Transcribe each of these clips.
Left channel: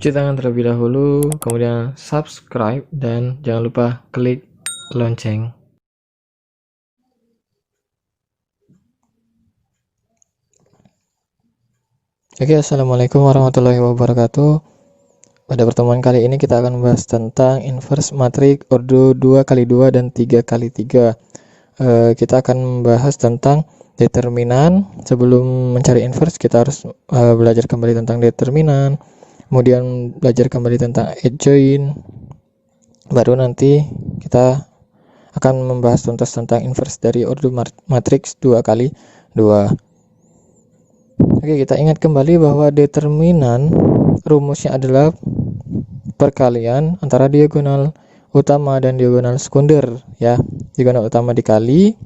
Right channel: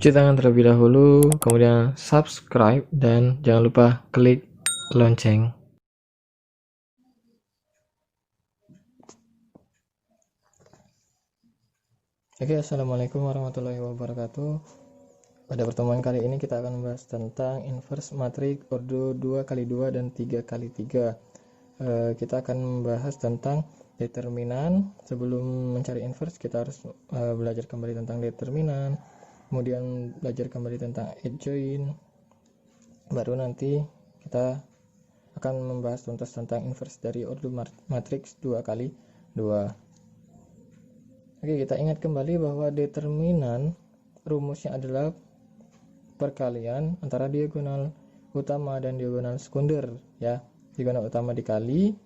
Cuci tangan terlebih dahulu, kemudian subscribe, dan jangan lupa klik lonceng. Oke, assalamualaikum warahmatullahi wabarakatuh. Pada pertemuan kali ini kita akan membahas tentang inverse matriks ordo 2x2 dan 3x3. Kita akan membahas tentang determinan. Sebelum mencari inverse kita harus belajar kembali tentang determinan, kemudian belajar kembali tentang adjoint, baru nanti kita akan membahas tuntas tentang inverse dari ordo matriks 2x2. Oke, kita ingat kembali bahwa determinan rumusnya adalah perkalian antara diagonal utama dan diagonal sekunder, ya. Diagonal utama dikali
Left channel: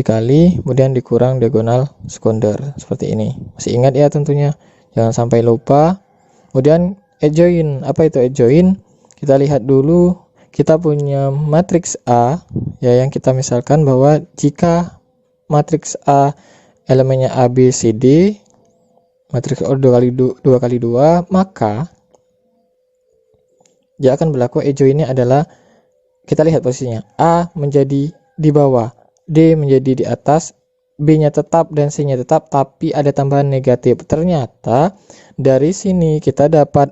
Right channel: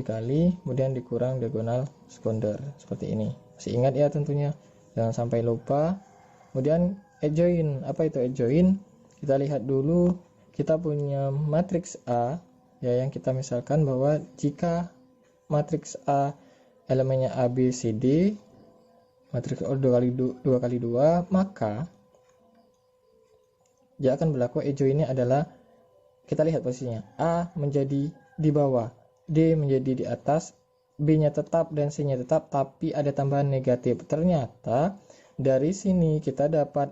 kemudian dikurang diagonal sekunder, seperti ini. Masih ingat ya tentunya, jangan sampai lupa. Kemudian adjoint, apa itu adjoint? Kita lihat dulu, kita punya matriks A, ya, yang kita misalkan bahwa jika matriks A elemennya A, B, C, D, matriks ordo 2x2, maka dia akan berlaku adjointnya adalah, kita lihat posisinya, A menjadi di bawah, D menjadi di atas, B-nya tetap dan C-nya tetap, tapi ada tambahan negatif. Ternyata dari sini kita dapat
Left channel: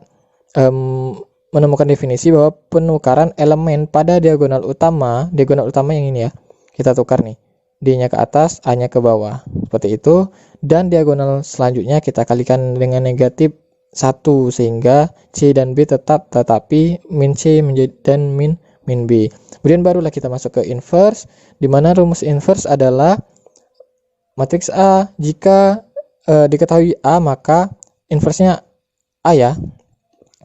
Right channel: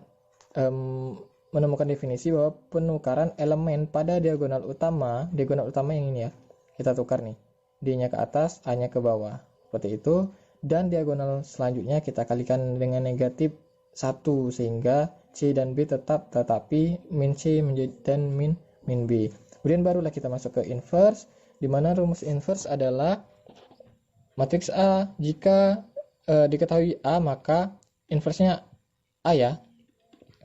menemukan definisi bahwa penukaran elemen pada diagonal utama yang ini ya, kita tukar nih, D-nya ke atas, A-nya ke bawah, seperti itu. Dan diagonal selanjutnya kita kalikan dengan negatif 1 sehingga C dan B tetap, tetapi min C dan min B. Kemudian barulah kita masuk ke inverse, di mana rumus inverse adalah matriks A. Jika diketahui A, maka inverse-nya A, ya.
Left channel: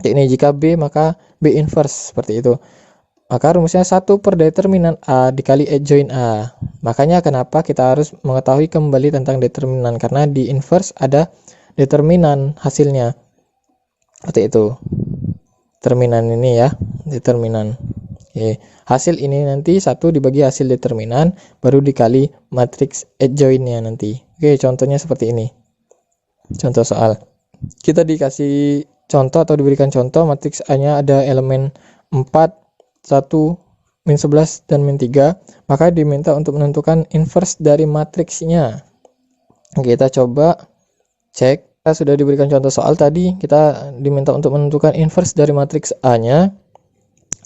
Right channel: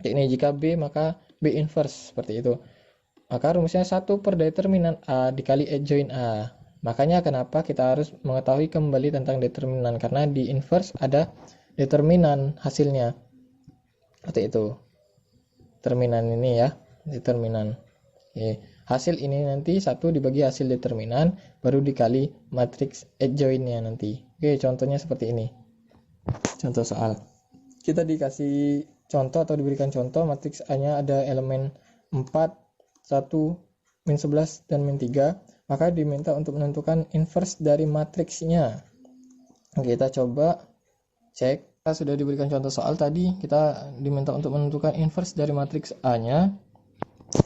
Ini jika B, maka B inverse, seperti itu. Maka rumusnya 1 per determinan A dikali adjoint A. Makanya kenapa kita harus mengetahui kembali tentang determinan, karena di inverse ada determinan hasilnya. Seperti itu. Determinan ini ya, determinan. Oke. Hasil ini nanti 1 dibagi hasil determinan, baru dikali matriks adjointnya nanti. Oke, contohnya seperti ini. Contoh soal. Kita dikasih contoh atau diberikan contoh matriks A-nya ada elemen 4, 1, min 11, dan min 3. Maka diminta untuk menentukan inverse dari matriksnya. Kita coba cek. Kita sudah diberikan contoh soal tadi, kita diminta untuk menentukan inverse dari matriks A-nya.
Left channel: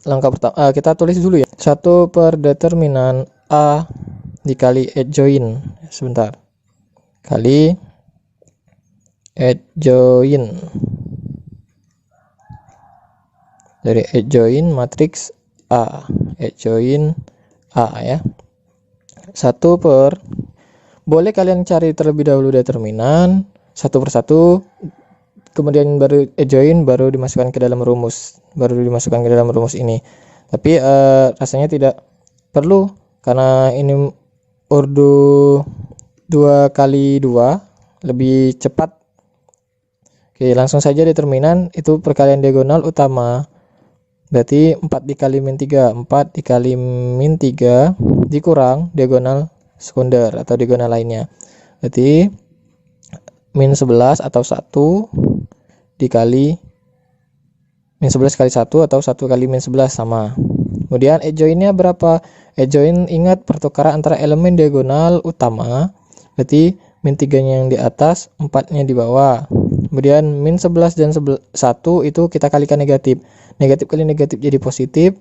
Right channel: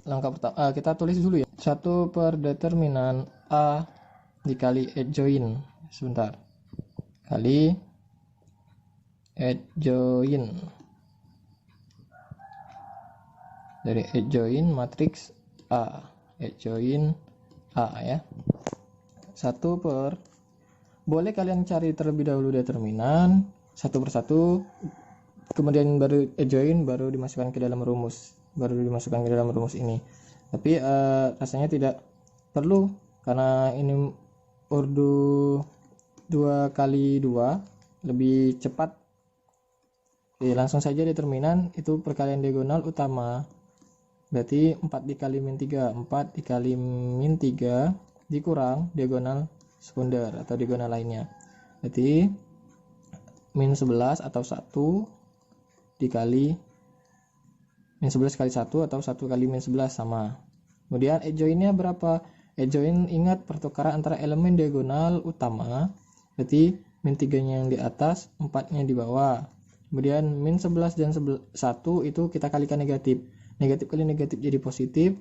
Langkah pertama, kita tulis dulu ya. 1 per determinan A dikali adjoint. Sebentar. Kali adjoint. Dari adjoint matriks A. Adjoint A, ya. 1 per, boleh kalian cari terlebih dahulu determinan satu persatu, kemudian baru adjoint, baru dimasukkan ke dalam rumus, ini. Tapi rasanya tidak perlu, karena ini ordo 2x2 lebih cepat. Oke, langsung saja determinan itu perkalian diagonal utama, berarti 4 dikali min 3, 4 dikali min 3 dikurang diagonal sekunder atau diagonal lainnya, berarti min 11 atau 1 dikali min 11 kali 1 atau 1 kali min 11 sama. Kemudian adjointnya berapa? Adjoint, ingat, pertukaran antara elemen diagonal utama, berarti min 3 nya yang di atas, 4 nya di bawah. Kemudian min 11 dan 1 itu kita kalikan negatif. Negatif kali negatif jadi positif,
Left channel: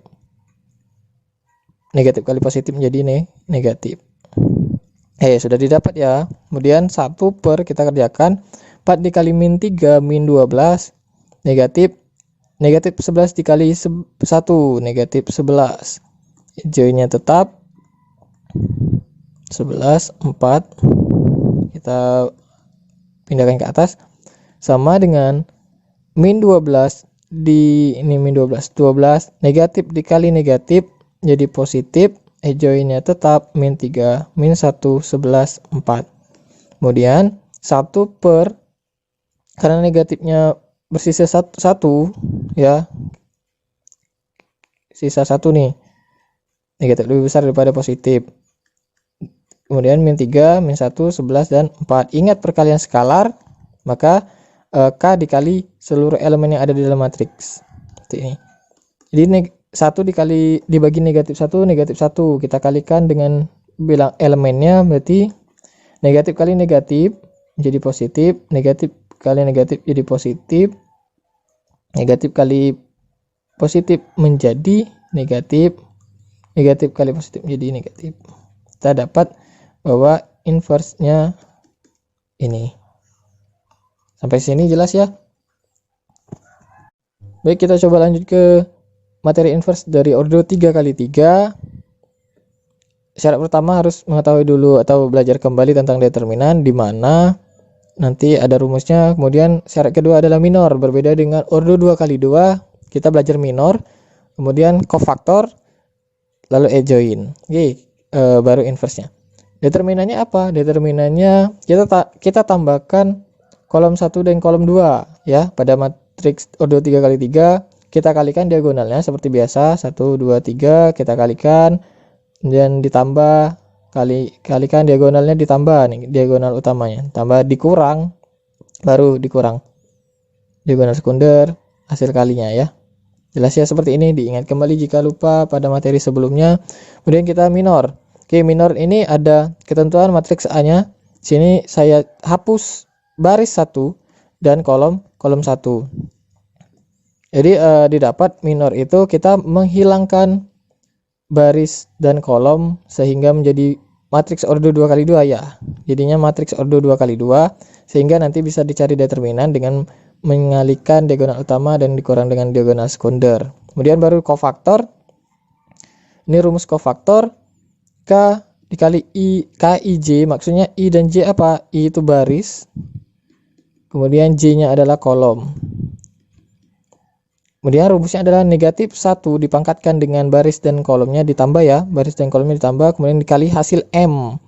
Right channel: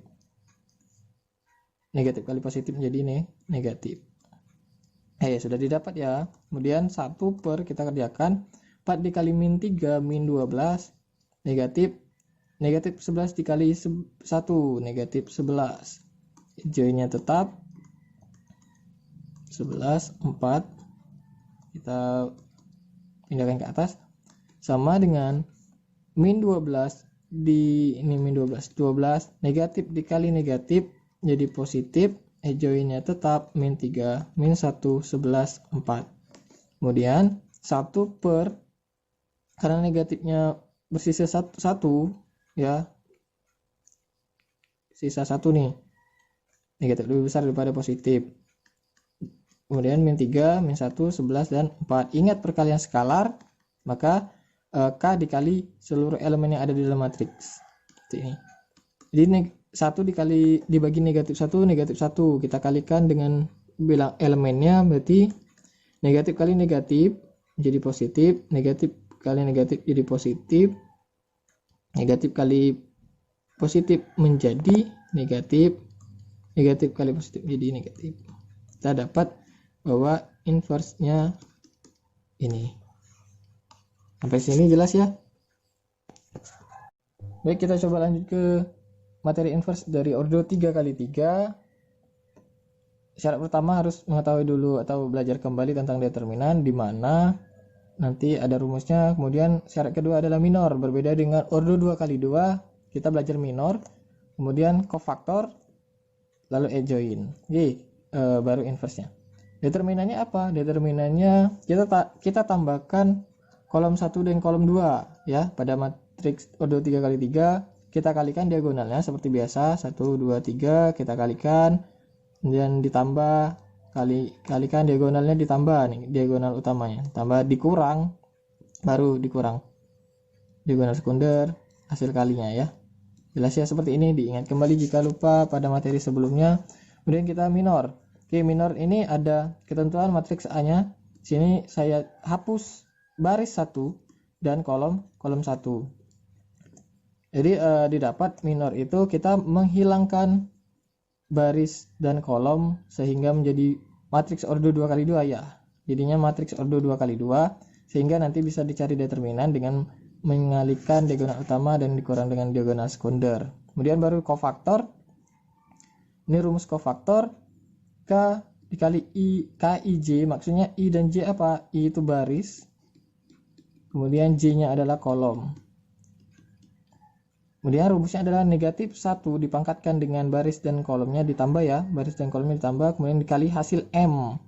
negatif kali positif menjadi negatif. Sudah didapat ya. Kemudian 1 per, kita kerjakan, 4 dikali min 3 min 12, negatif 11 dikali 1, negatif 11. Adjointnya tetap 11, 4, kita pindahkan ke atas, sama dengan min 12 di ini min 12, negatif dikali negatif jadi positif. Adjointnya tetap min 3, min 1, 11, 4. Kemudian 1 per, karena negatifnya bersisa 1, ya, sisa 1 nih, negatif lebih besar daripada positif. Kemudian min 3, min 1, 11, dan 4. Ingat perkalian skalar, maka K dikali seluruh elemen yang ada di dalam matriks. Seperti ini. Jadi 1 dibagi negatif 1, kita kalikan dengan bilang elemennya, berarti negatif kali negatif jadi positif, negatif kali negatif jadi positif, negatif kali positif menjadi negatif, negatif kali positif menjadi negatif. Kita dapat bahwa inverse-nya ini. Sampai sini jelas ya? Baik, kita coba lanjut ke materi inverse dari ordo 3x3. Syarat pertama harus mengetahui dulu atau belajar kembali tentang determinan, di mana nanti ada rumusnya. Kemudian syarat kedua adalah minor. Berbeda dengan ordo 2x2, kita belajar minor, kemudian cofaktor, lalu adjoint. Oke, baru inverse-nya. Determinannya apa? Determinannya kita tambahkan kolom 1 dan kolom 2 ya. Pada matriks ordo 3x3 kita kalikan diagonalnya seperti biasa, 1 2 3 kita kalikan dan ditambah, kalikan diagonalnya, ditambah nih diagonal utamanya, tambah dikurang, baru dikurang diagonal sekunder hasil kalinya ya. Jelas ya seperti ini, diingat kembali jika lupa pada materi sebelumnya. Kemudian kita minor. Oke, minor ini ada ketentuan matriks A-nya. Sini saya hapus baris 1 dan kolom 1. Jadi didapat minor itu kita menghilangkan baris dan kolom sehingga menjadi matriks ordo 2x2 ya. Jadinya matriks ordo 2x2 sehingga nanti bisa dicari determinan dengan mengalihkan diagonal utama dan dikurang dengan diagonal sekunder. Kemudian baru cofaktor. Ini rumus cofaktor, K dikali I, K I J, maksudnya I dan J apa? I itu baris, kemudian J-nya adalah kolom. Kemudian rumusnya adalah negatif 1 dipangkatkan dengan baris dan kolomnya ditambah ya, baris dan kolomnya ditambah, kemudian dikali hasil M.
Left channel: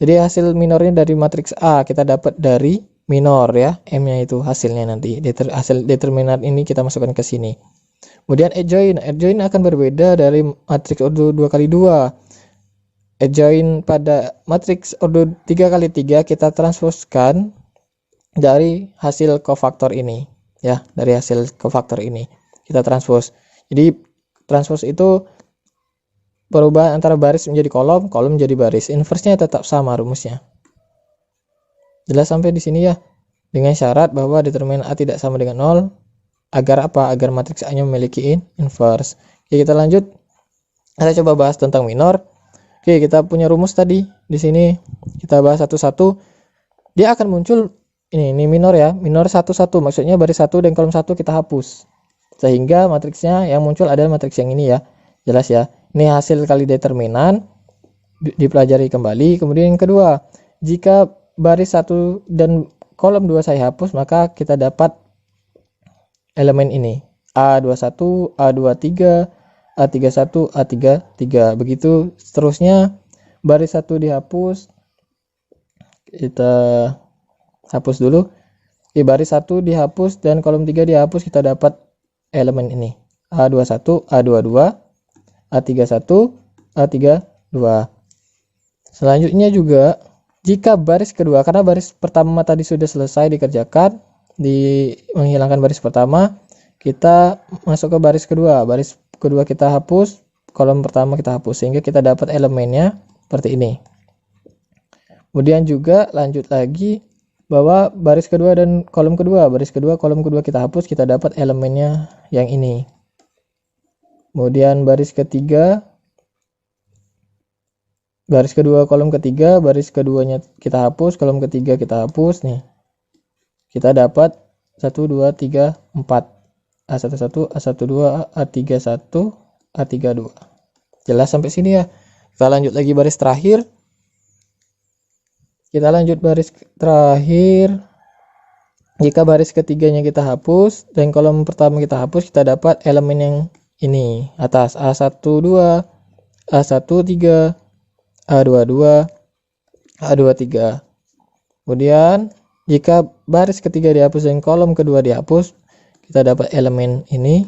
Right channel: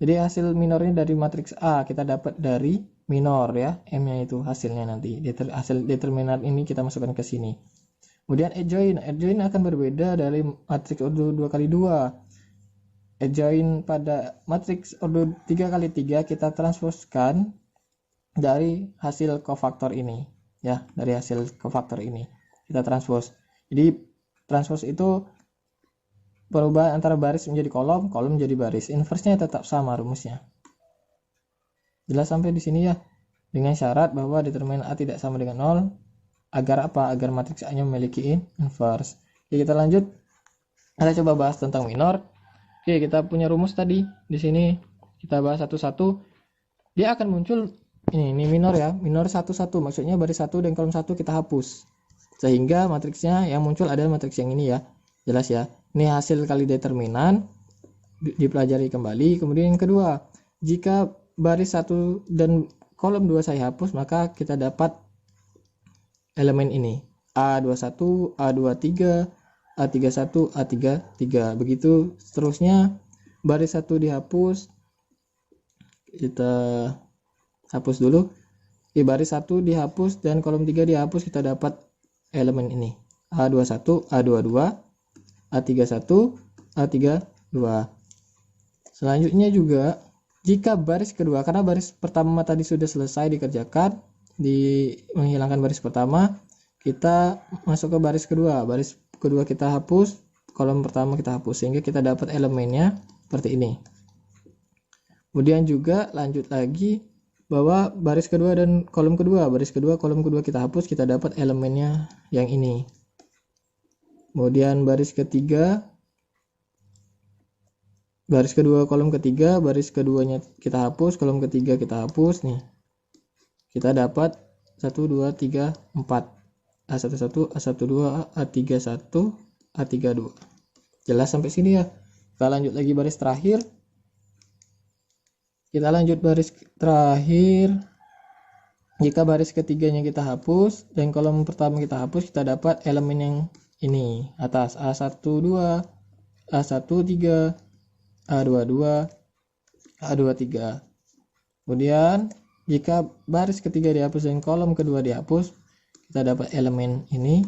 Jadi hasil minornya dari matriks A kita dapat dari minor ya, M-nya itu hasilnya nanti. Hasil determinan ini kita masukkan ke sini. Kemudian adjoint akan berbeda dari matriks ordo 2x2. Adjoint pada matriks ordo 3x3 kita transposkan dari hasil cofaktor ini ya, dari hasil cofaktor ini kita transpose. Jadi transpose itu perubahan antara baris menjadi kolom, kolom menjadi baris. Inverse-nya tetap sama rumusnya. Jelas sampai di sini ya. Dengan syarat bahwa determinan A tidak sama dengan 0. Agar apa? Agar matriks A-nya memiliki inverse. Oke, kita lanjut. Kita coba bahas tentang minor. Oke, kita punya rumus tadi. Di sini kita bahas satu-satu. Dia akan muncul ini minor ya. Minor 1 1, maksudnya baris 1 dan kolom 1 kita hapus. Sehingga matriksnya yang muncul adalah matriks yang ini ya. Jelas ya. Ini hasil kali determinan, dipelajari kembali. Kemudian yang kedua, jika baris 1 dan kolom 2 saya hapus, maka kita dapat elemen ini. A21, A23, A31, A33. Begitu seterusnya, baris 1 dihapus. Kita hapus dulu. Baris 1 dihapus dan kolom 3 dihapus, kita dapat elemen ini. A21, A22, A31, A32. Selanjutnya juga jika baris kedua, karena baris pertama tadi sudah selesai dikerjakan, menghilangkan baris pertama, kita masuk ke baris kedua. Baris kedua kita hapus, kolom pertama kita hapus, sehingga kita dapat elemennya seperti ini. Kemudian juga lanjut lagi bahwa baris kedua dan kolom kedua, baris kedua kolom kedua kita hapus, kita dapat elemennya yang ini. Kemudian baris ketiga, baris kedua kolom ketiga, baris keduanya kita hapus, kolom ketiga kita hapus nih. Kita dapat 1 2 3 4, A11, A12, A31, A32. Jelas sampai sini ya. Kita lanjut lagi baris terakhir. Kita lanjut baris terakhir. Jika baris ketiganya kita hapus dan kolom pertama kita hapus, kita dapat elemen yang ini atas, A12, A13, A22, A23. Kemudian jika baris ketiga dihapus dan kolom kedua dihapus, kita dapat elemen ini.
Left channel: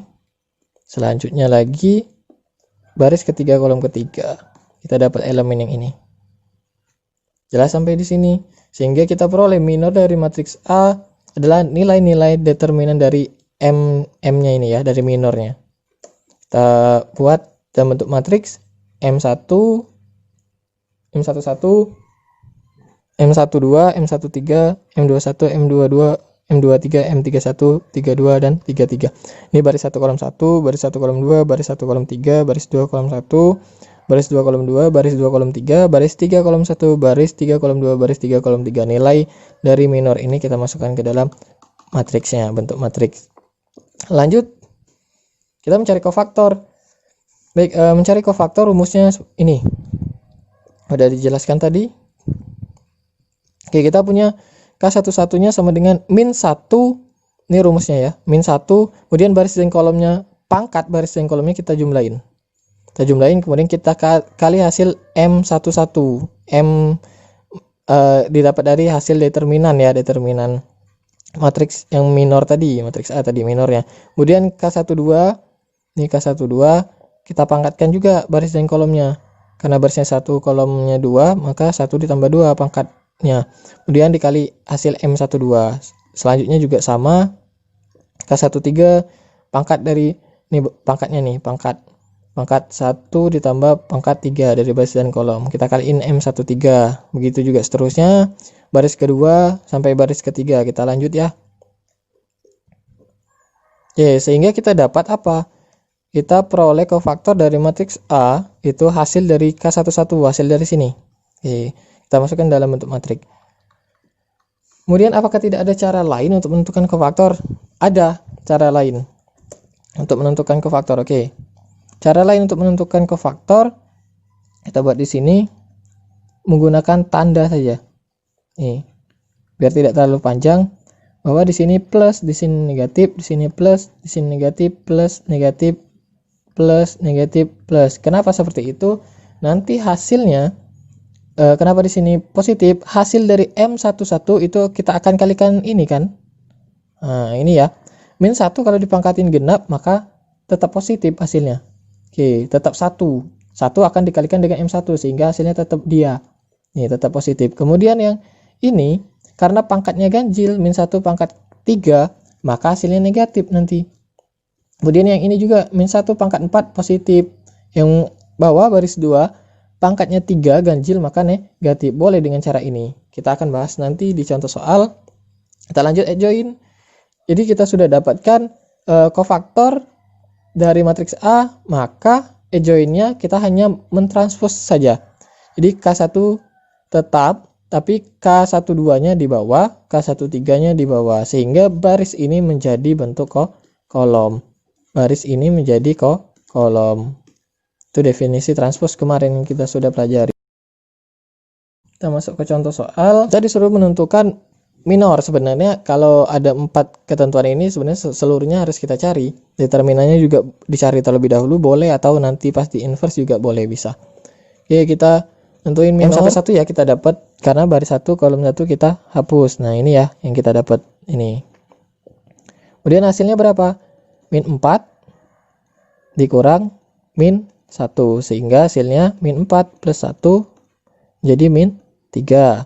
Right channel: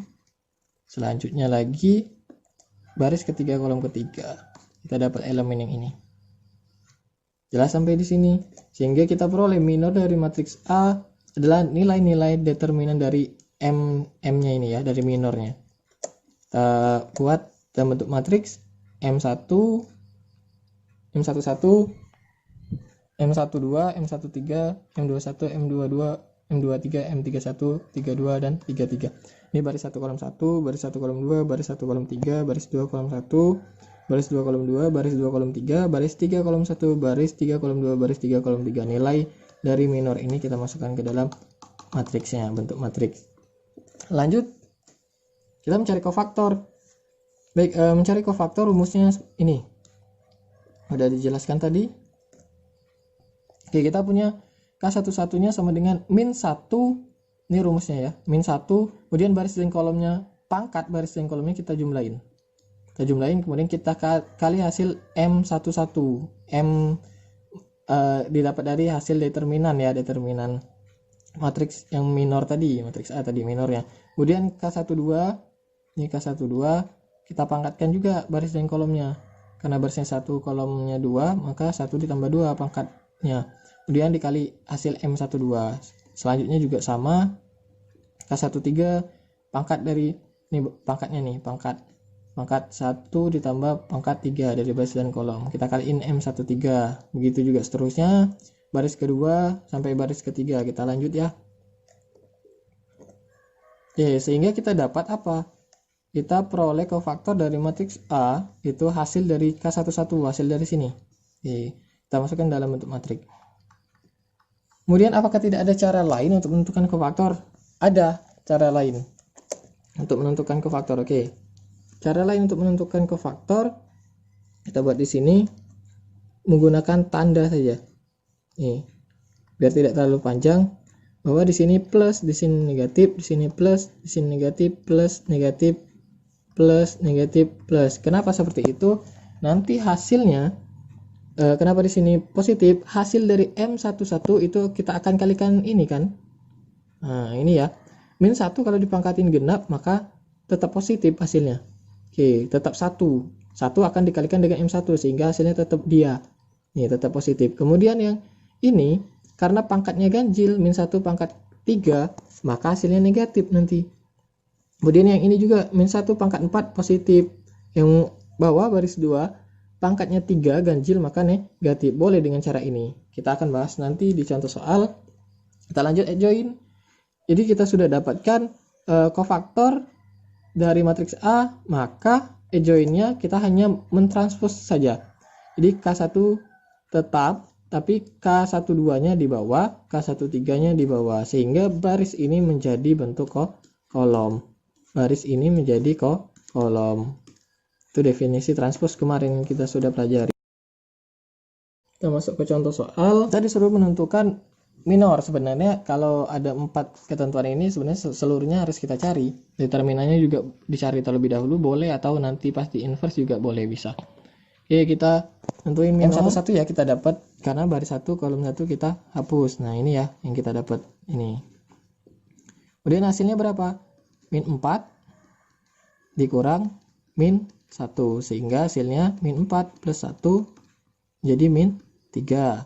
Selanjutnya lagi baris ketiga kolom ketiga, kita dapat elemen yang ini. Jelas sampai di sini, sehingga kita peroleh minor dari matriks A adalah nilai-nilai determinan dari M-nya ini ya, dari minornya. Kita buat dalam bentuk matriks M1, M11, M12, M13, M21, M22, M23, M31, 32, dan 33. Ini baris 1 kolom 1, baris 1 kolom 2, baris 1 kolom 3, baris 2 kolom 1, baris 2 kolom 2, baris 2 kolom 3, baris 3 kolom 1, baris 3 kolom 2, baris 3 kolom 3. Nilai dari minor ini kita masukkan ke dalam matriksnya, bentuk matriks. Lanjut, kita mencari kofaktor. Baik, mencari kofaktor rumusnya ini. Udah dijelaskan tadi. Oke, kita punya K11-nya sama dengan min 1. Ini rumusnya ya, min 1. Kemudian baris dan kolomnya, pangkat baris dan kolomnya kita jumlahin. Kita jumlahin, kemudian kita kali hasil M11. Didapat dari hasil determinan ya, determinan matriks yang minor tadi, matriks A tadi minornya. Kemudian K12, ini K12 kita pangkatkan juga baris dan kolomnya. Karena barisnya 1, kolomnya 2, maka 1 ditambah 2 pangkatnya. Kemudian dikali hasil M12. Selanjutnya juga sama, K13 pangkat dari ini pangkatnya nih, pangkat 1 ditambah pangkat 3 dari baris dan kolom. Kita kaliin M13. Begitu juga seterusnya, baris kedua sampai baris ketiga. Kita lanjut ya. Oke, sehingga kita dapat apa? Kita peroleh kofaktor dari matriks A itu hasil dari K11, hasil dari sini. Oke, kita masukkan dalam bentuk matriks. Kemudian apakah tidak ada cara lain untuk menentukan kofaktor? Ada cara lain untuk menentukan kofaktor. Oke. Cara lain untuk menentukan kofaktor kita buat di sini menggunakan tanda saja. Nih, biar tidak terlalu panjang. Bahwa di sini plus, di sini negatif, di sini plus, di sini negatif, plus, negatif, plus, negatif, plus. Kenapa seperti itu? Nanti hasilnya kenapa di sini positif? Hasil dari M11 itu kita akan kalikan ini kan. Nah, ini ya. Min 1 kalau dipangkatin genap maka tetap positif hasilnya. Oke, tetap 1. 1 akan dikalikan dengan M1 sehingga hasilnya tetap dia. Ini tetap positif. Kemudian yang ini karena pangkatnya ganjil, min 1 pangkat 3, maka hasilnya negatif nanti. Kemudian yang ini juga min 1 pangkat 4 positif. Yang bawah baris 2 pangkatnya 3 ganjil maka negatif. Boleh dengan cara ini. Kita akan bahas nanti di contoh soal. Kita lanjut adjoin. Jadi kita sudah dapatkan kofaktor dari matriks A, maka adjoinnya kita hanya mentranspos saja. Jadi K1 tetap, tapi K12-nya di bawah, K13-nya di bawah, sehingga baris ini menjadi bentuk kolom. Baris ini menjadi kolom. Itu definisi transpos kemarin yang kita sudah pelajari. Kita masuk ke contoh soal. Kita disuruh menentukan minor. Sebenarnya kalau ada 4 ketentuan ini sebenarnya seluruhnya harus kita cari. Determinannya juga dicari terlebih dahulu boleh, atau nanti pas di inverse juga boleh, bisa. Oke, kita tentuin minor. M11 ya kita dapat karena baris 1 kolom 1 kita hapus. Nah, ini ya yang kita dapat ini. Kemudian hasilnya berapa? Min 4 dikurang min 1 sehingga hasilnya min 4 plus 1 jadi min 3.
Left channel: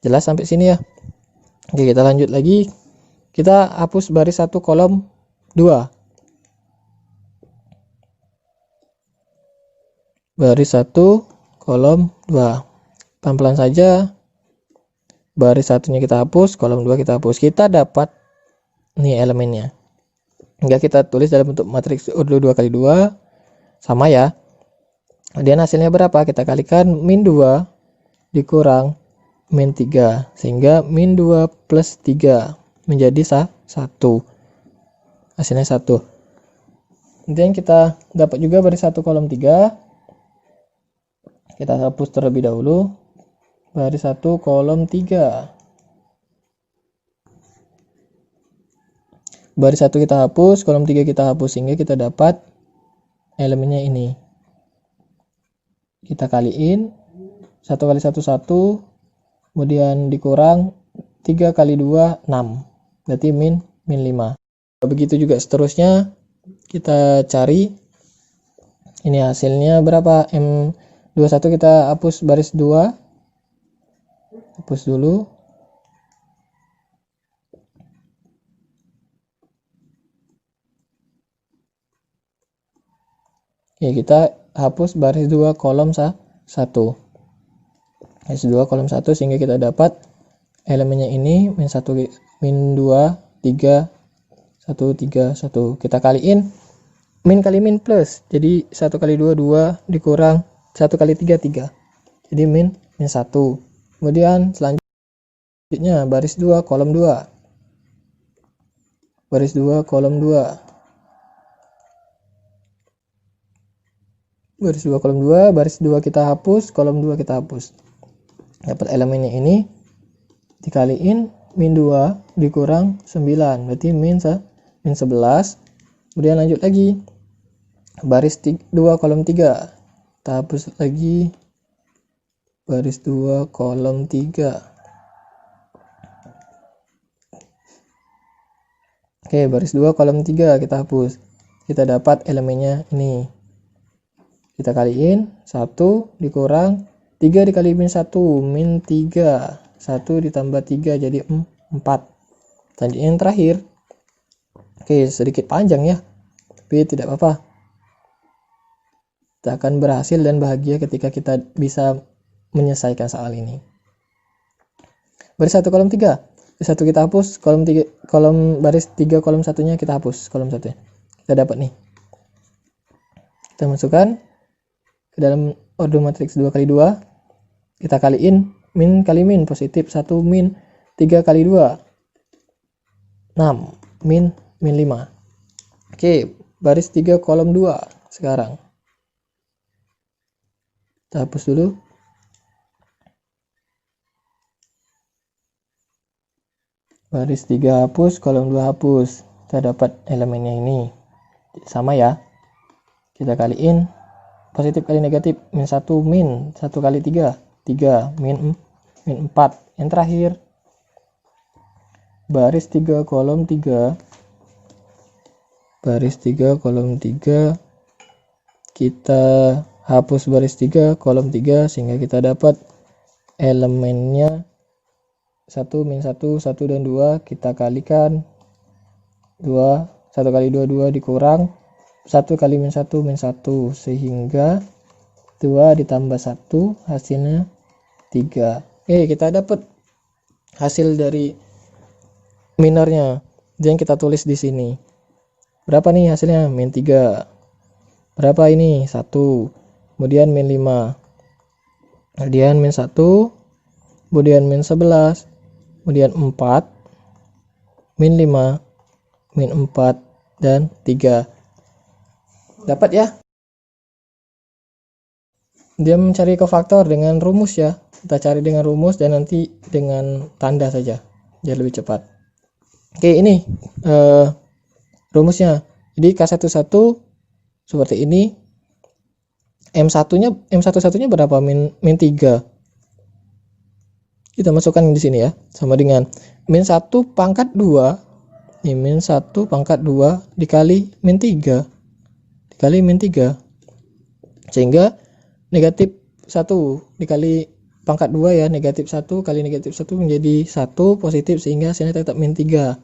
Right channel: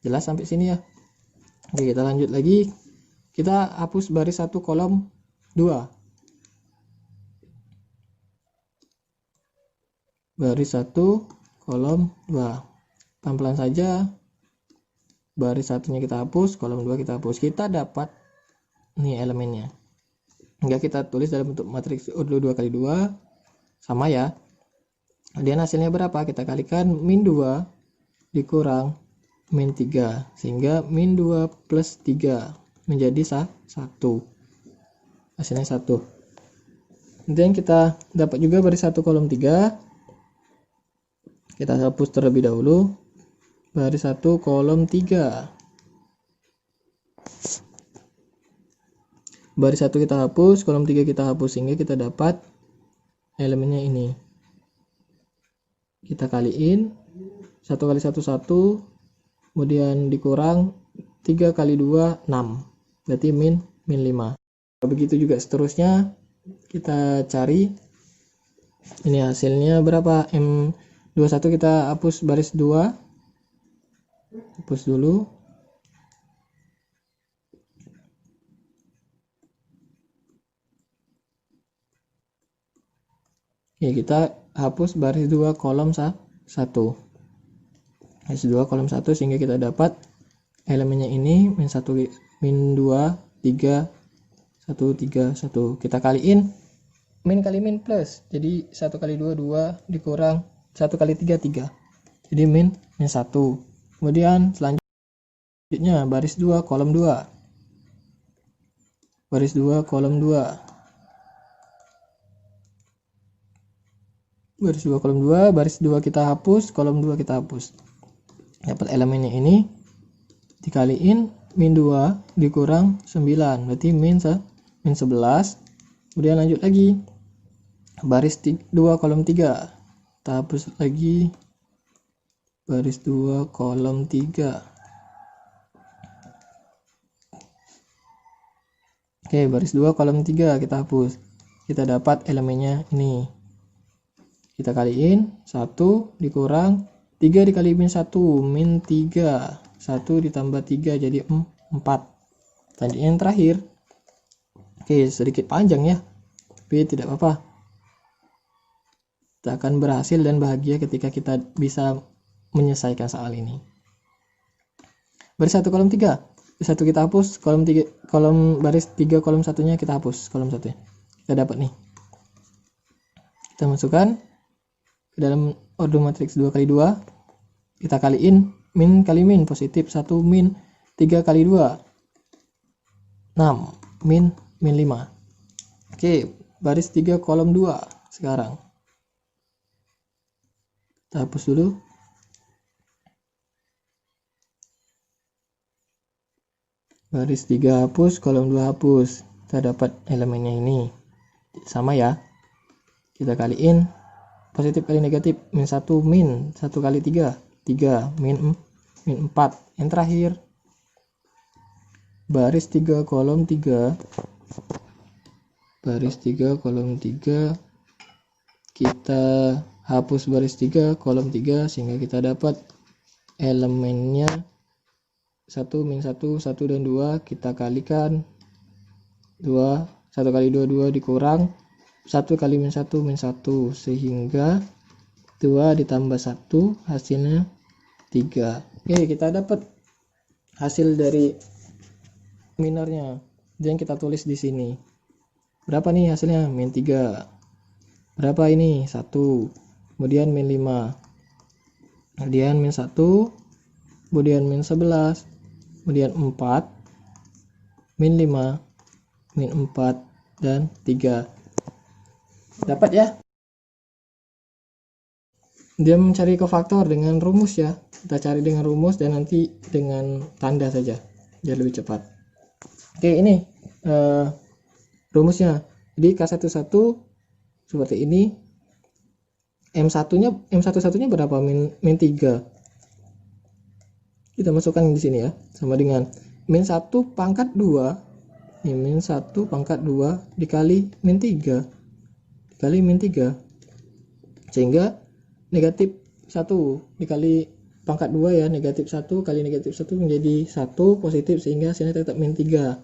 Jelas sampai sini ya? Oke, kita lanjut lagi. Kita hapus baris 1 kolom 2. Baris 1 kolom 2. Pelan-pelan saja. Baris 1-nya kita hapus, kolom 2 kita hapus. Kita dapat nih elemennya. Hingga kita tulis dalam bentuk matriks urut 2 kali 2. Sama ya. Kemudian hasilnya berapa? Kita kalikan min 2 dikurang min 3. Sehingga min 2 plus 3 menjadi 1. Hasilnya 1. Kemudian kita dapat juga baris 1 kolom 3. Kita hapus terlebih dahulu. Baris 1 kolom 3. Baris 1 kita hapus, kolom 3 kita hapus, sehingga kita dapat elemennya ini. Kita kaliin 1 kali 1 1, kemudian dikurang 3 kali 2 6. Berarti min 5. Begitu juga seterusnya kita cari. Ini hasilnya berapa? M21 kita hapus baris 2. Hapus dulu. Ya, kita hapus baris 2 kolom 1. Baris 2 kolom 1 sehingga kita dapat elemennya ini min 1 min 2 3 1 3 1. Kita kaliin min kali min plus. Jadi 1 kali 2 2 dikurang 1 kali 3 3. Jadi min 1. Kemudian selanjutnya baris 2 kolom 2. Baris 2 kolom 2. Baris 2 kolom 2, baris 2 kita hapus, kolom 2 kita hapus. Dapat elemennya ini dikaliin min 2 dikurang 9, berarti min 11. Kemudian lanjut lagi. Baris 2 kolom 3. Kita hapus lagi baris 2 kolom 3. Oke, baris 2 kolom 3 kita hapus. Kita dapat elemennya ini. Kita kaliin 1 dikurang 3 dikali min 1 min 3. 1 ditambah 3 jadi 4. Selanjutnya yang terakhir. Oke, sedikit panjang ya, tapi tidak apa-apa. Kita akan berhasil dan bahagia ketika kita bisa menyelesaikan soal ini. Baris 1 kolom 3. Baris 1 kita hapus, kolom 3 kolom baris 3 kolom 1-nya kita hapus, kolom 1-nya. Kita dapat nih. Kita masukkan ke dalam ordo matriks 2 kali 2. Kita kaliin min kali min, positif 1 min 3 kali 2 6 min 5. Oke, baris 3 kolom 2 sekarang. Kita hapus dulu. Baris 3 hapus, kolom 2 hapus. Kita dapat elemennya ini. Sama ya. Kita kaliin positif kali negatif min 1 min 1 kali 3 3 min 4. Yang terakhir baris 3 kolom 3. Baris 3 kolom 3 kita hapus baris 3 kolom 3 sehingga kita dapat elemennya 1 min 1 1 dan 2. Kita kalikan 2 1 kali 2 2 dikurang 1 kali min 1 min 1 sehingga 2 ditambah 1 hasilnya 3. Kita dapat hasil dari minornya yang kita tulis di sini. Berapa nih hasilnya? Min 3. Berapa ini? 1. Kemudian min 5. Kemudian min 1. Kemudian min 11. Kemudian 4. Min 5. Min 4 dan 3. Dapat ya? Dia mencari kofaktor dengan rumus ya. Kita cari dengan rumus dan nanti dengan tanda saja, biar lebih cepat. Oke, ini rumusnya. Jadi K11 seperti ini. M11-nya berapa? Min 3. Kita masukkan di sini ya. Sama dengan min 1 pangkat 2. Ini min 1 pangkat 2 dikali min 3. Dikali min 3. Sehingga negatif 1 dikali pangkat 2 ya, negatif 1 kali negatif 1 menjadi 1 positif sehingga hasilnya tetap min 3.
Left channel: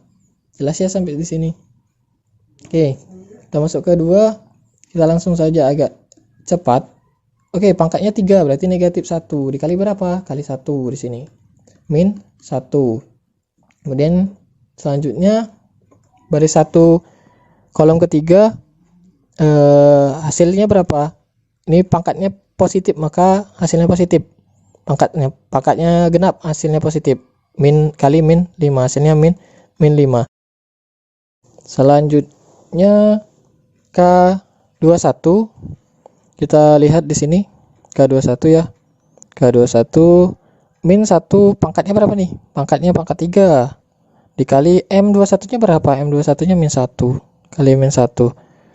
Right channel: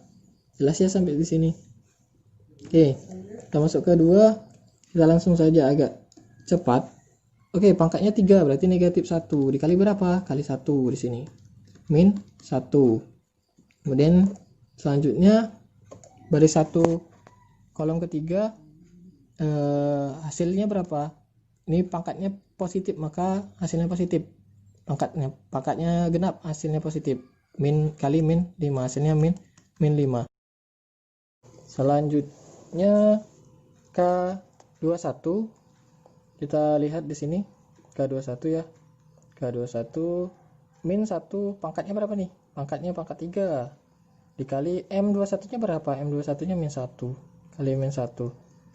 Jelas ya sampai di sini. Oke, kita masuk ke 2. Kita langsung saja agak cepat. Oke, pangkatnya 3 berarti negatif 1 dikali berapa? Kali 1 di sini. Min 1. Kemudian selanjutnya baris 1 kolom ketiga hasilnya berapa? Ini pangkatnya positif maka hasilnya positif. Pangkatnya genap hasilnya positif. Min kali min 5 hasilnya min 5. Selanjutnya K21 kita lihat di sini K21 ya. K21 min 1 pangkatnya berapa nih? Pangkatnya pangkat 3 dikali M21 nya berapa? M21 nya min 1 kali min 1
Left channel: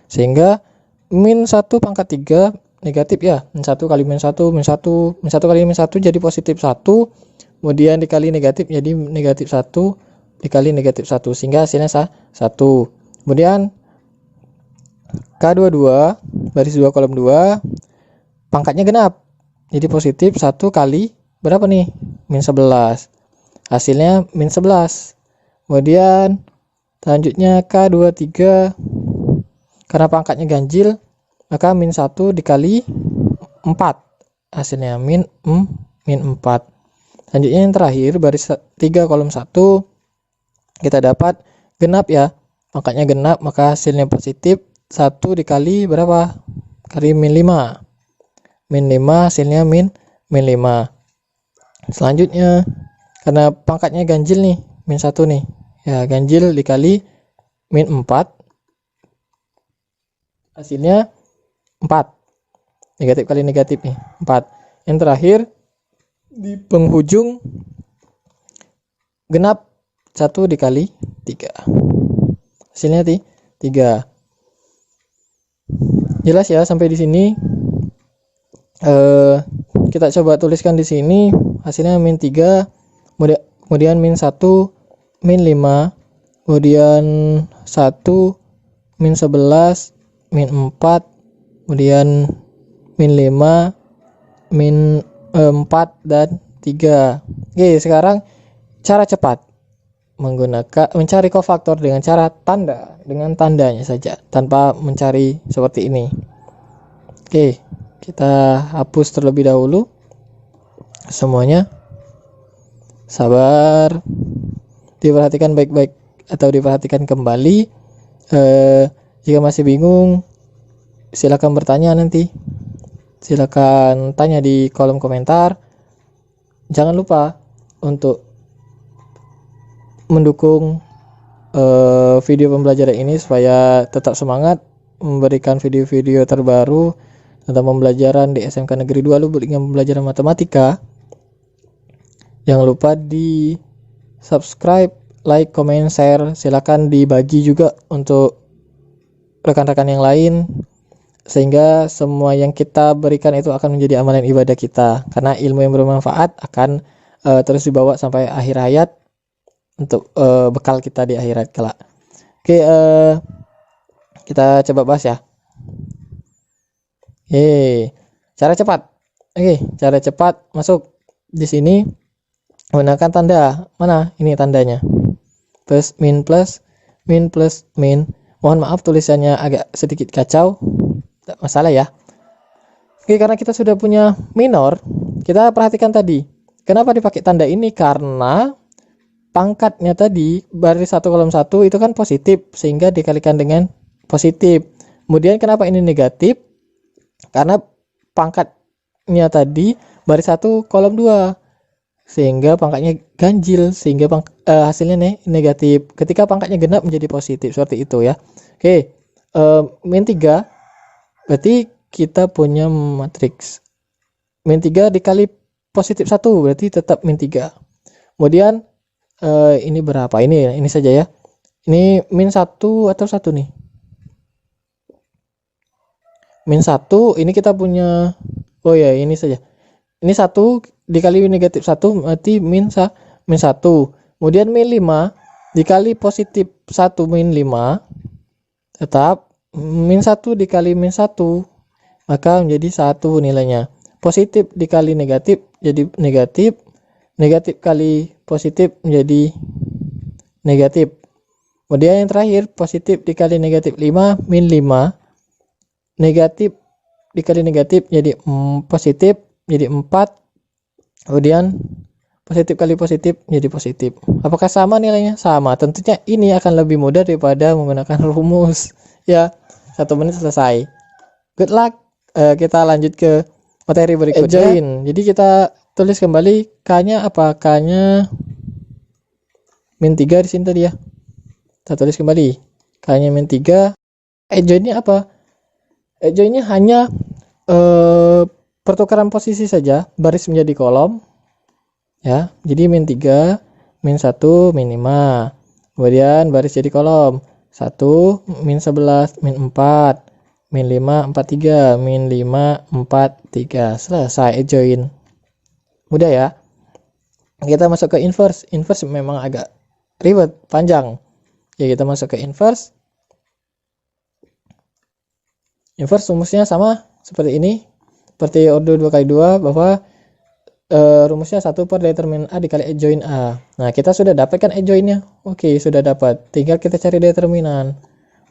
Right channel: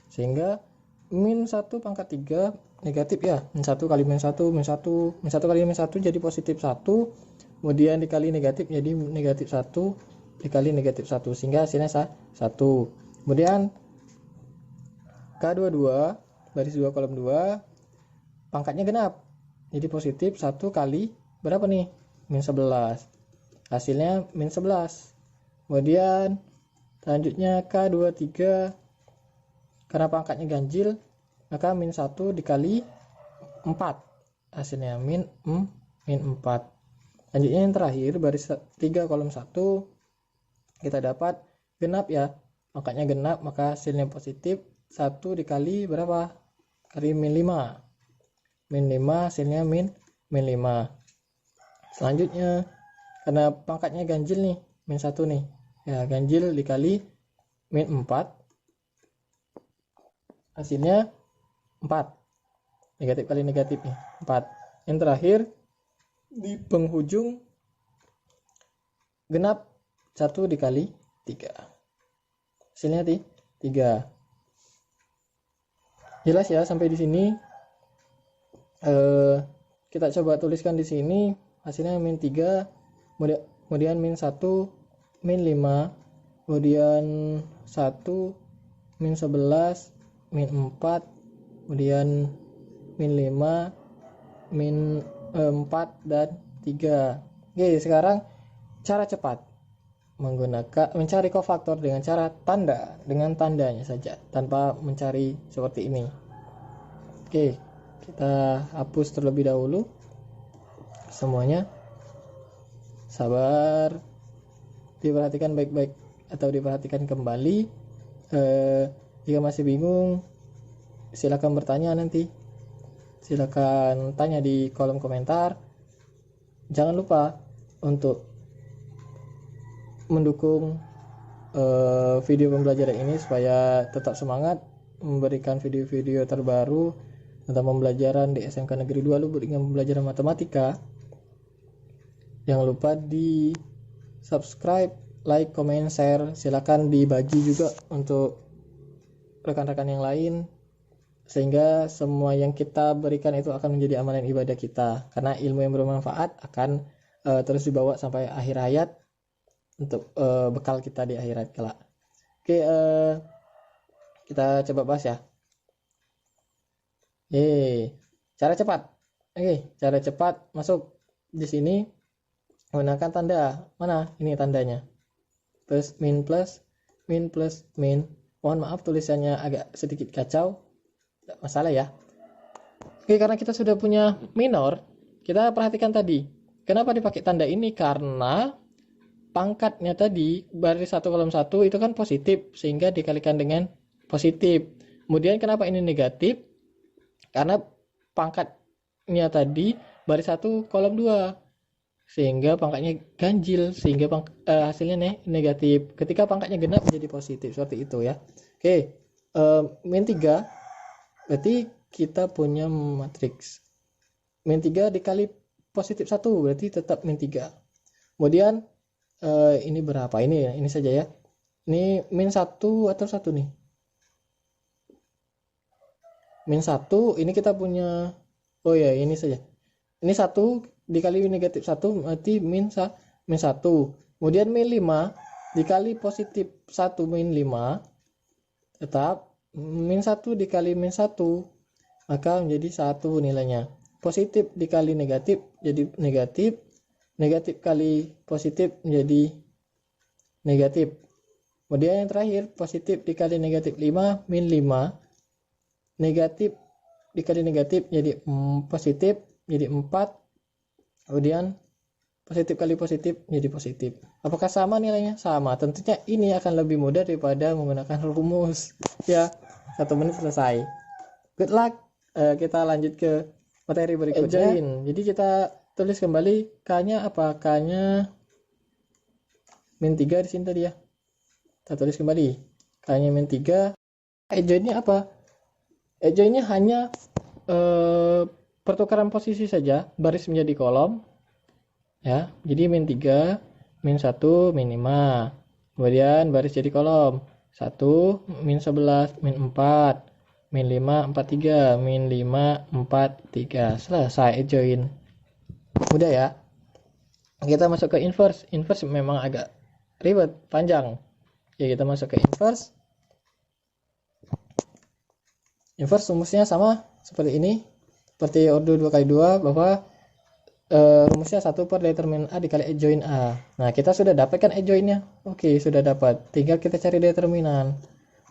sehingga min 1 pangkat 3 negatif ya. Min 1 kali min 1 min 1 min 1 kali min 1 jadi positif 1, kemudian dikali negatif jadi negatif 1 dikali negatif 1 sehingga hasilnya 1. Kemudian K22 baris 2 kolom 2 pangkatnya genap jadi positif 1 kali berapa nih? Min 11. Hasilnya min 11. Kemudian selanjutnya K23 karena pangkatnya ganjil maka min 1 dikali 4, hasilnya min 4. Selanjutnya yang terakhir baris 3 kolom 1 kita dapat genap ya, pangkatnya genap, maka hasilnya positif. 1 dikali berapa? Kali min 5. Min 5 hasilnya min 5. Selanjutnya karena pangkatnya ganjil nih, min 1 nih. Ya, ganjil dikali min 4. Hasilnya 4. Negatif kali negatif nih, 4. Yang terakhir di penghujung genap 1 dikali 3. Hasilnya 3. Jelas ya sampai di sini? Kita coba tuliskan di sini hasilnya min 3, kemudian min 1, min 5, kemudian 1, min 11, min 4, kemudian min 5, min 4 dan 3. Oke, sekarang cara cepat menggunakan mencari kofaktor dengan cara tanda, dengan tandanya saja tanpa mencari seperti ini. Oke, kita hapus terlebih dahulu semuanya. Sabar, diperhatikan baik-baik atau diperhatikan kembali. Jika masih bingung silakan bertanya nanti, silakan tanya di kolom komentar. Jangan lupa untuk mendukung video pembelajaran ini supaya tetap semangat memberikan video-video terbaru tentang pembelajaran di SMK Negeri 2 Lubuk dengan pembelajaran matematika. Jangan lupa di subscribe, like, comment, share. Silakan dibagi juga untuk rekan-rekan yang lain sehingga semua yang kita berikan itu akan menjadi amalan ibadah kita, karena ilmu yang bermanfaat akan terus dibawa sampai akhir hayat untuk bekal kita di akhirat kelak. Oke, kita coba bahas ya. Cara cepat. Cara cepat masuk di sini menggunakan tanda. Mana? Ini tandanya. Plus, min, plus, min, plus, min. Mohon maaf tulisannya agak sedikit kacau. Tidak masalah ya. Oke, karena kita sudah punya minor, kita perhatikan tadi. Kenapa dipakai tanda ini? Karena pangkatnya tadi baris 1 kolom 1 itu kan positif, sehingga dikalikan dengan positif. Kemudian kenapa ini negatif? Karena pangkatnya tadi baris 1 kolom 2, sehingga pangkatnya ganjil, sehingga hasilnya negatif. Ketika pangkatnya genap menjadi positif, seperti itu ya. Oke, min 3 berarti kita punya matriks min 3 dikali positif 1 berarti tetap min 3. Kemudian ini berapa? Ini saja ya. Ini min 1 atau 1 nih? Min 1 ini kita punya, oh ya ini saja. Ini 1 dikali negatif 1 berarti min 1. Kemudian min 5 dikali positif 1 min 5 tetap min 1 dikali min 1, maka menjadi 1 nilainya. Positif dikali negatif jadi negatif, negatif kali positif menjadi negatif. Kemudian yang terakhir positif dikali negatif 5 min 5, negatif dikali negatif jadi positif jadi 4, kemudian positif kali positif jadi positif. Apakah sama nilainya? Sama. Tentunya ini akan lebih mudah daripada menggunakan rumus ya. 1 menit selesai. Good luck. Kita lanjut ke materi berikutnya. Join. Jadi kita tulis kembali K-nya apa? K-nya min 3 di sini tadi ya. Kita tulis kembali K-nya min 3. Join-nya apa? Join-nya hanya pertukaran posisi saja, baris menjadi kolom ya. Jadi min 3, min 1, min 5. Kemudian baris jadi kolom. 1, min 11, min 4, min 5, 4, 3, min 5, 4, 3. Selesai join. Mudah ya. Kita masuk ke inverse. Inverse memang agak ribet, panjang. Ya, kita masuk ke inverse. Inverse rumusnya sama seperti ini. Seperti ordo 2x2 bahwa rumusnya 1 per determinan A dikali E join A. Nah, kita sudah dapat kan E joinnya. Oke, sudah dapat. Tinggal kita cari determinan.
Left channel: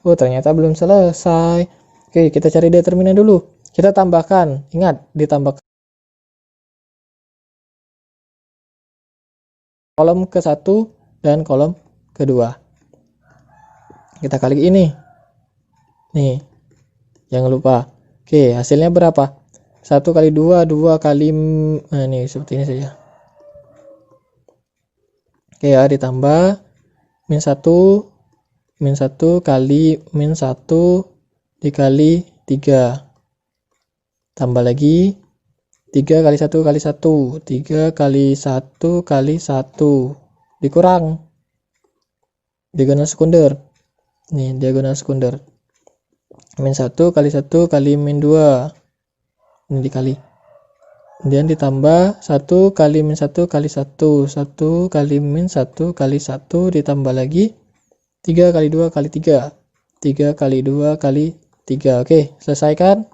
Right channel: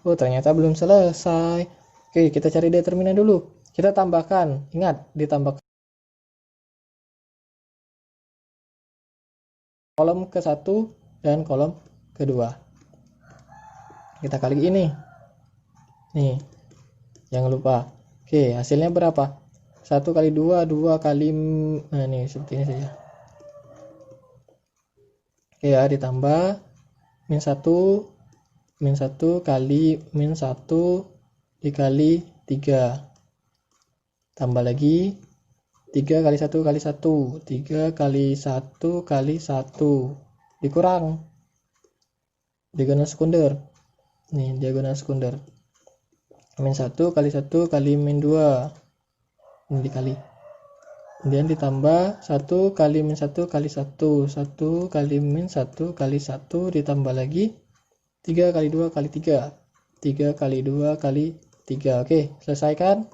Oh, ternyata belum selesai. Oke, kita cari determinan dulu. Kita tambahkan, ingat ditambah kolom ke-1 dan kolom kedua. Kita kali ini. Nih, jangan lupa. Oke, hasilnya berapa? 1 kali 2, 2 kali, nah ini seperti ini saja. Oke ya, ditambah min 1 kali min 1 dikali 3, tambah lagi 3 kali 1 kali 1, 3 kali 1 kali 1, dikurang diagonal sekunder. Nih, diagonal sekunder. Min 1 kali 1 kali min 2, ini dikali. Kemudian ditambah 1 kali min 1 kali 1, 1 kali min 1 kali 1, ditambah lagi 3 kali 2 kali 3, 3 kali 2 kali 3. Oke, selesaikan.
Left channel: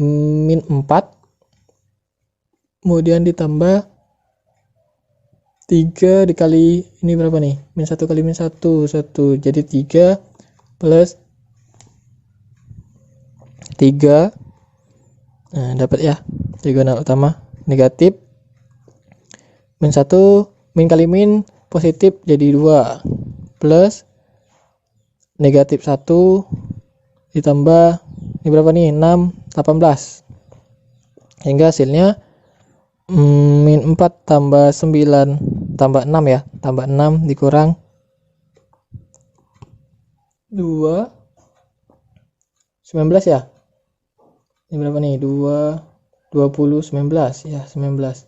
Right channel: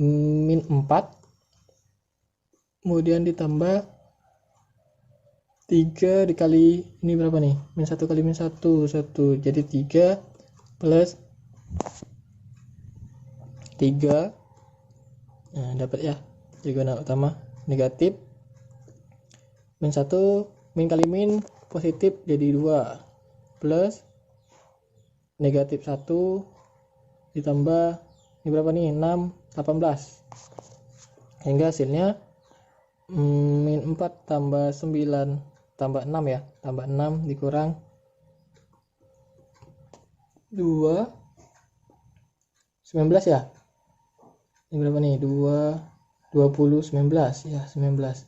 Min 4, kemudian ditambah 3 dikali ini berapa nih? Min 1 kali min 1, 1, jadi 3 plus 3. Nah, dapat ya, diagonal utama negatif. Min 1, min kali min positif jadi 2, plus negatif 1 ditambah ini berapa nih? 6, 18. Hingga hasilnya min 4 tambah 9 tambah 6 ya, tambah 6 dikurang 2, 19 ya. Ini berapa nih? 2, 20, 19 ya, 19.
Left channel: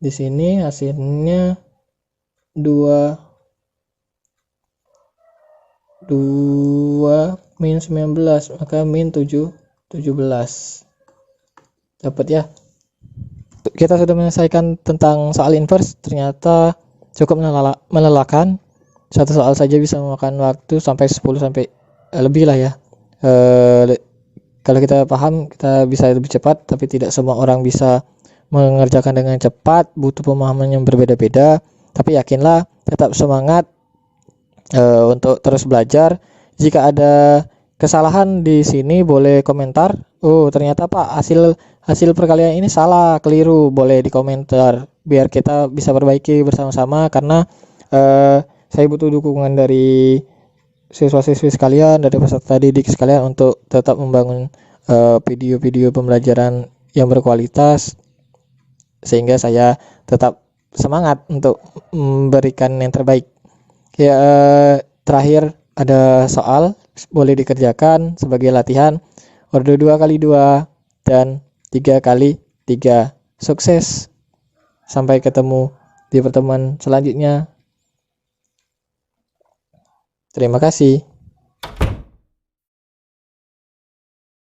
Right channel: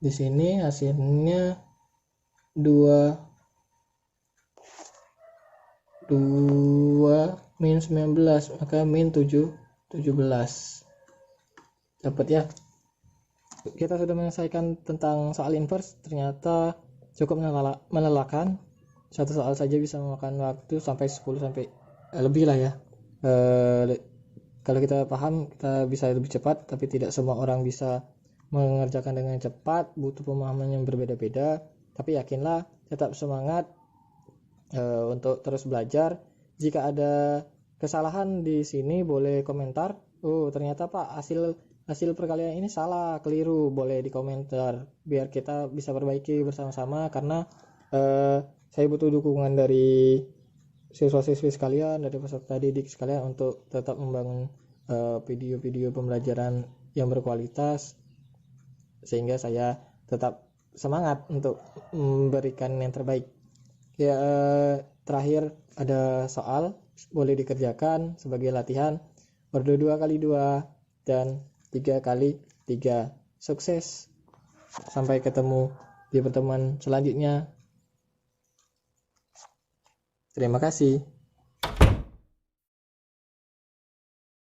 Di sini hasilnya 2 min 19, maka min 17. Dapat ya. Kita sudah menyelesaikan tentang soal inverse. Ternyata cukup melelahkan. Satu soal saja bisa memakan waktu sampai 10 sampai lebih lah ya. Kalau kita paham, kita bisa lebih cepat, tapi tidak semua orang bisa mengerjakan dengan cepat, butuh pemahaman yang berbeda-beda. Tapi yakinlah, tetap semangat untuk terus belajar. Jika ada kesalahan di sini boleh komentar. Oh, ternyata Pak, hasil perkalian ini salah, keliru, boleh di komentar biar kita bisa perbaiki bersama-sama, karena saya butuh dukungan dari siswa-siswi sekalian, dari peserta didik sekalian untuk tetap membangun video-video pembelajaran yang berkualitas, sehingga saya tetap semangat untuk memberikan yang terbaik. Ya, terakhir ada soal boleh dikerjakan sebagai latihan orde 2 kali 2 dan 3 kali 3. Sukses, sampai ketemu di pertemuan selanjutnya. Terima kasih.